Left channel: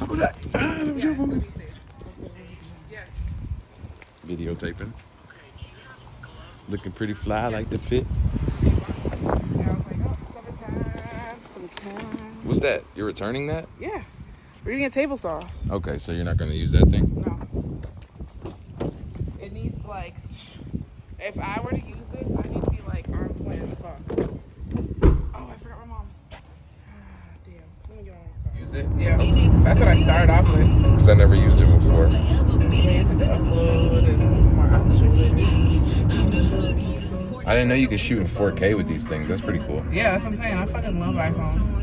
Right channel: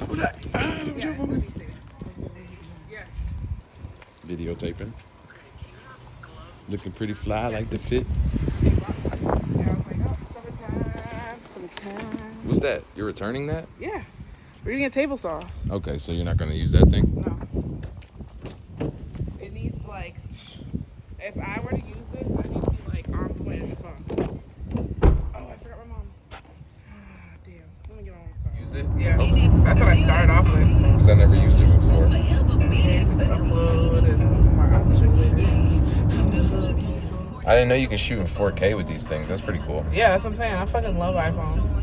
Kodak. Yeah. Videotaping. Looking pretty fly. I like the fit. Yeah, I was like, oh, summertime. What's that? You're returning that? Yeah. We're getting a table saw. Okay, so you're not gonna use that thing? No. It needs like, if I were to use this, I need to be like on point as fuck. Oh, I forgot my mom's. Damn. Let me get on this car. Use it? Yeah. Okay. That's what I started off with. Because I never used it before. Yeah, you have to upload and more options later. I didn't know you could shoot in 4K with these things. That's pretty cool. Yeah, that's what I'm saying. I fucking love iPhone.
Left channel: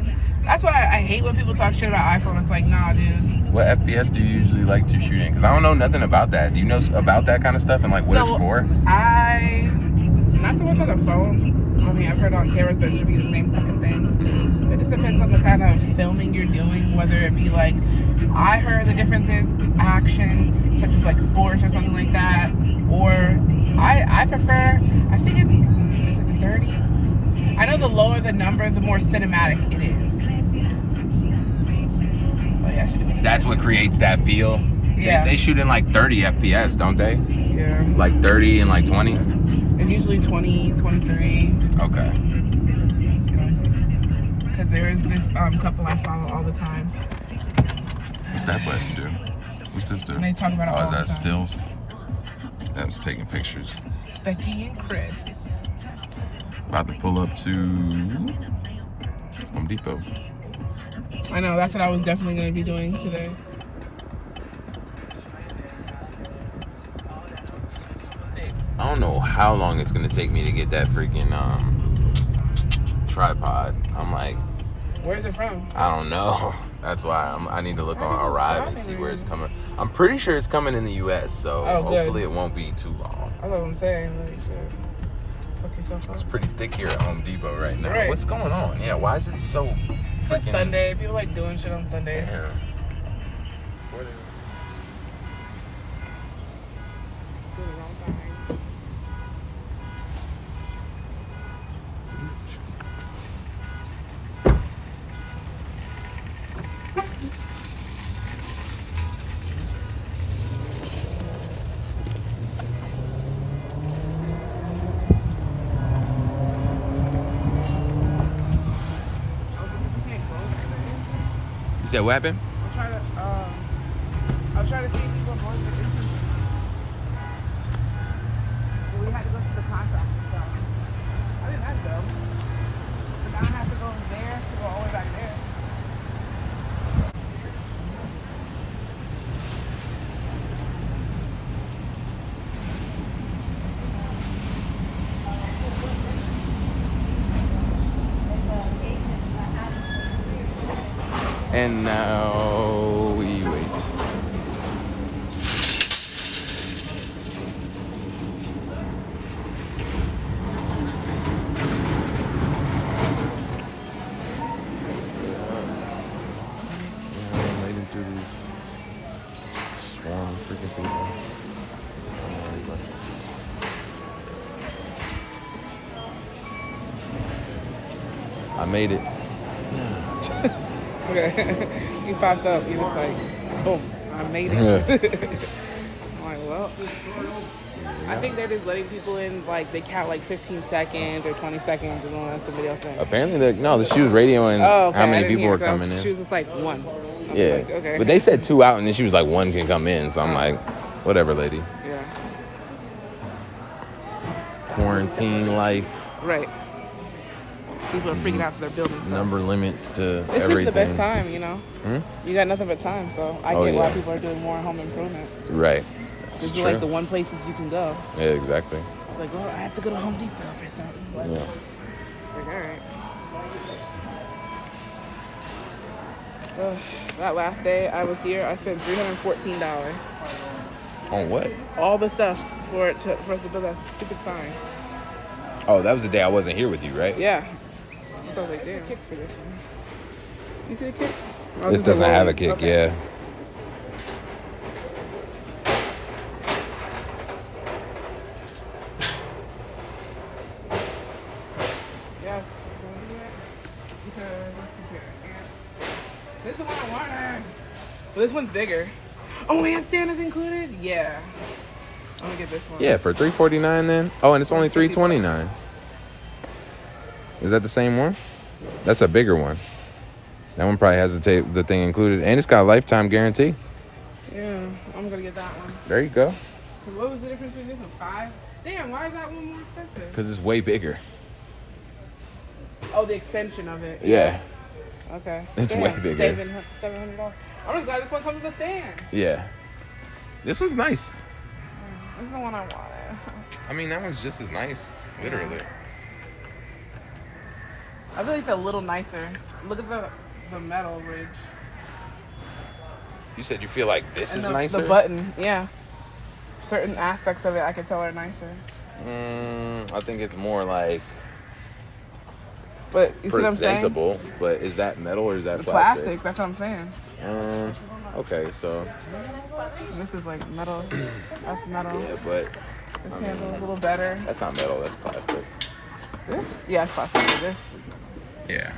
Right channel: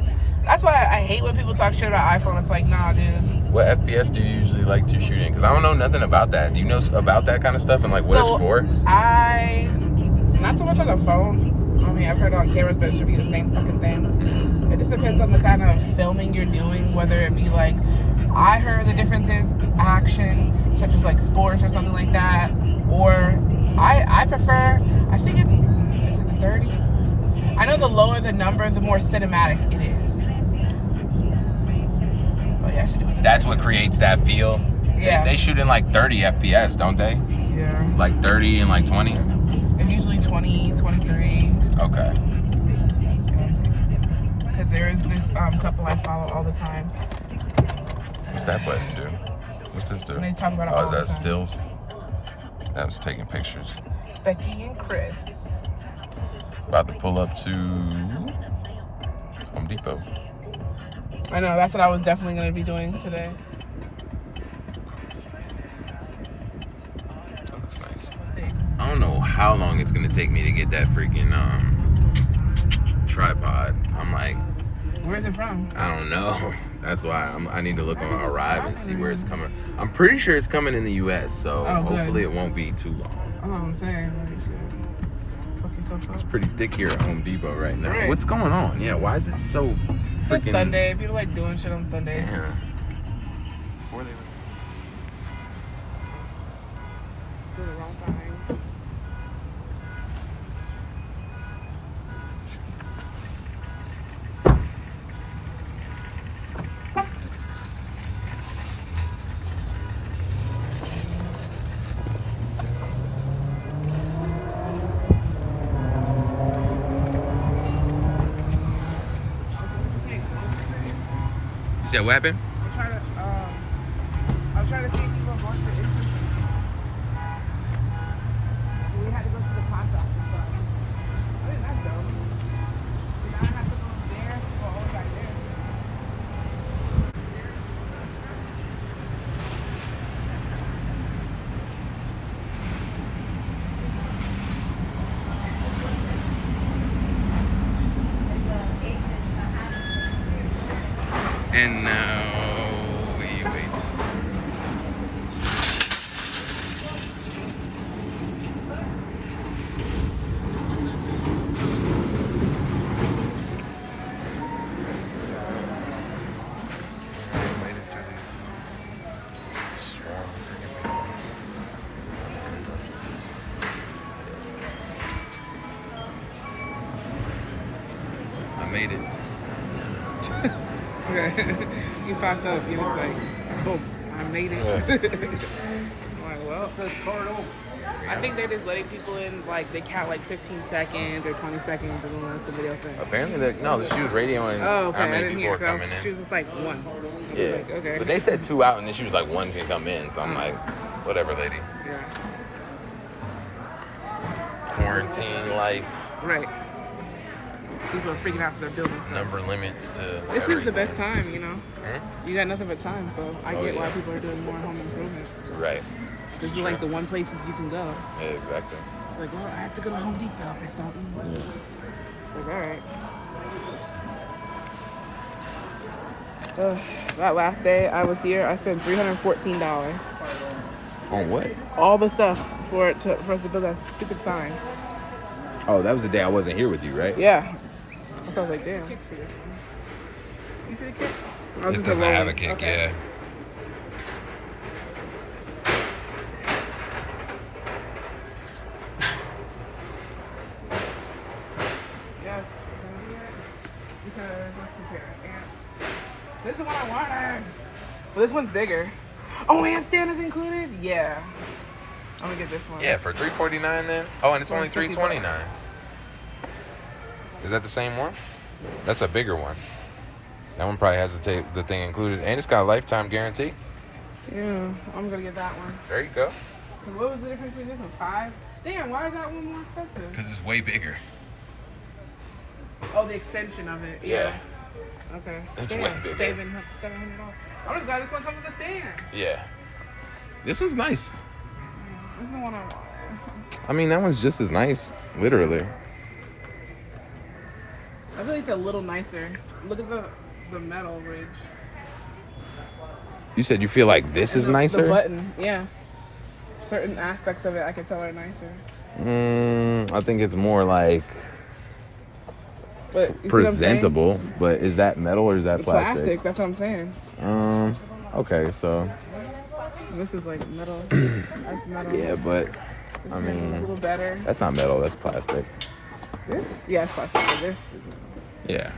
That's why I hate when people talk shit about iPhone. It's like, nah, dude. What FPS do you usually like to shoot in? Because I don't know nothing about that. Do you know about that kind of stuff and like what it's for? Not so much on the phone. I mean, I've heard on cameras, but it should be the same fucking thing. It just depends on the kind of filming you're doing, whether it be like, I heard the difference is action, such as like sports or something like that, or I prefer, I think is it 30? I know the lower the number, the more cinematic it is. Oh, yeah, That's what creates that feel. Yeah. They shoot in like 30 FPS, don't they? Yeah. Like 30 and like 20? And usually 20, 23. Okay. Because there is this couple I follow all the time. What's that button do? What's this do? They talk about it all is the that time. stills? That was taking pictures. Becky and Chris. About to pull up to Home Depot. I know, that's what I was definitely going to be doing today. Oh, that's nice. I don't know how long it's gonna take me to get that freaking tripod. I'm like, where's it from? I don't know. That's why I need to look on Arrive and see where it's coming. I'm pretty sure it's coming in the U.S., so hopefully it won't be too long. That's what I'm saying. Fuck yourself up. It's pretty thick here at Home Depot right now. Right. What's going on? Yeah, why is it so freaking... It's Sunday. People like doing shit on Sunday. Yeah. Before they... You said what happened? I'm trying to, I was trying to see if people are going to the issues or not. But we had to go to the contract and stuff. I think that's dope. So now I have to go there to go all the way back there. And now we wait. I made it. Okay. You popped up. You was like, boom, I made it. I think they're just letting people in, like, they count like 15 seconds or 20 seconds and then let somebody else in. Apparently, she was radioing how many people were coming in. She was just like one. I was Yeah. like, okay. But they said 2 out, and then she was like, 1 can come in. So I'm like, whatever, lady. Yeah. Quarantine life. Right. People are freaking out for their buildings. Number limits to It's everything. just the best time, you know? Hmm? You got nothing but time, so I get why people are doing more home improvements. Right. This is like the one places you can go. Yeah, exactly. Like, well, I have to go to Home Depot for something. Yeah. Like, all right. That last day I was here, I spent $314. On what? All the stuff for us to build that stupid sign. Oh, that was the day I wasn't here with you, right? Yeah. So I was like, damn, kick for this one. You see the kick? Oh, This doesn't have a kick, okay. yeah. Yes, we're gonna do that. Because let's compare. This is what I wanted. Well, this one's bigger. Oh, and stand is included? Yeah. I'm gonna get this one. Yeah, for $349 then? Oh, and it's only $329. Is that the same one? That's a bigger one. That one probably has the thing included. And it's got a lifetime guarantee. Yeah, I'm gonna get that one. There you go. What was the difference between this and 5? Damn, why is that one more expensive? Because it's way bigger. Oh, the extension of it. Yeah. Okay. It's Damn, way bigger. saving $700. I'm just glad this one comes with a stand. Yeah. This one's nice. This is the one I wanted. I mean, that one's just as nice. Literally. I feel like it's a little nicer. Look at the metal ridge. You said you feel like this is nicer? The button, yeah. Certain aspects of it I can tell are nicer. I think it's more like but you presentable. See what I'm saying? But is that metal or is that plastic? That's what I'm saying. Okay, so this is like metal. That's metal. Yeah, but I mean, a little better. That's not metal. That's plastic. This? Yeah, it's plastic. This is metal. Yeah.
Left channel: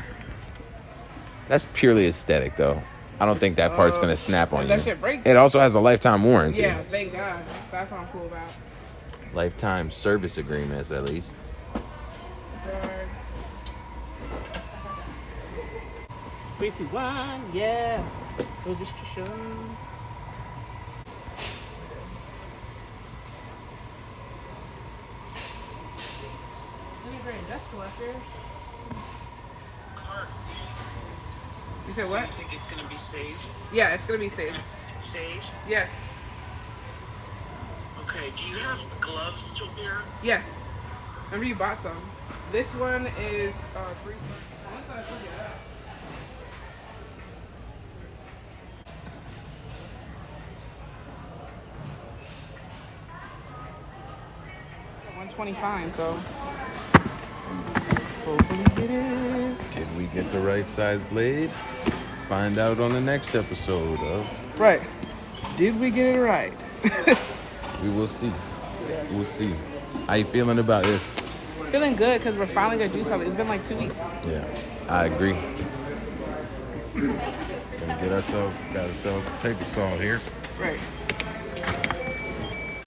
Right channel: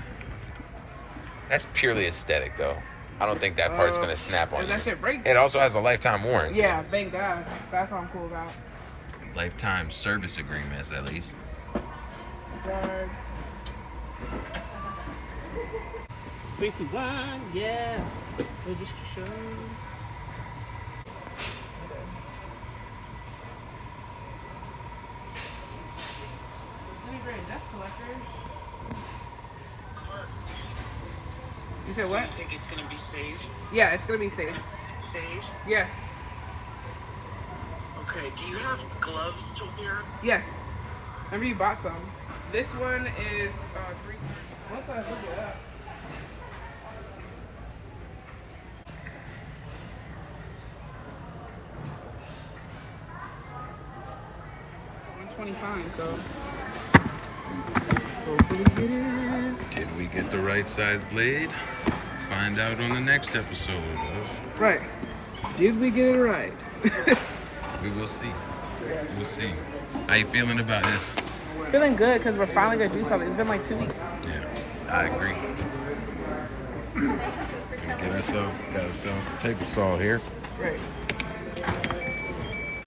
That's purely aesthetic, though. I don't think that part's gonna snap on you. That shit breaks. It also has a lifetime warranty. Yeah, thank God. That's what I'm cool about. Lifetime service agreements, at least. 3, 2, 1, yeah. So just to show. You said what? Do you think it's gonna be safe? Yeah, it's gonna be safe. Safe? Yes. Okay, do you have gloves still here? Yes. Remember you bought some. This one is free. Once I pick it up. $125, so hopefully it is. Did we get the right size blade? Find out on the next episode of. Right. Did we get it right? We will see. We'll see. How you feeling about this? Feeling good because we're finally gonna do something. It's been like 2 weeks. Yeah, I agree. Got ourselves a table saw here. Right.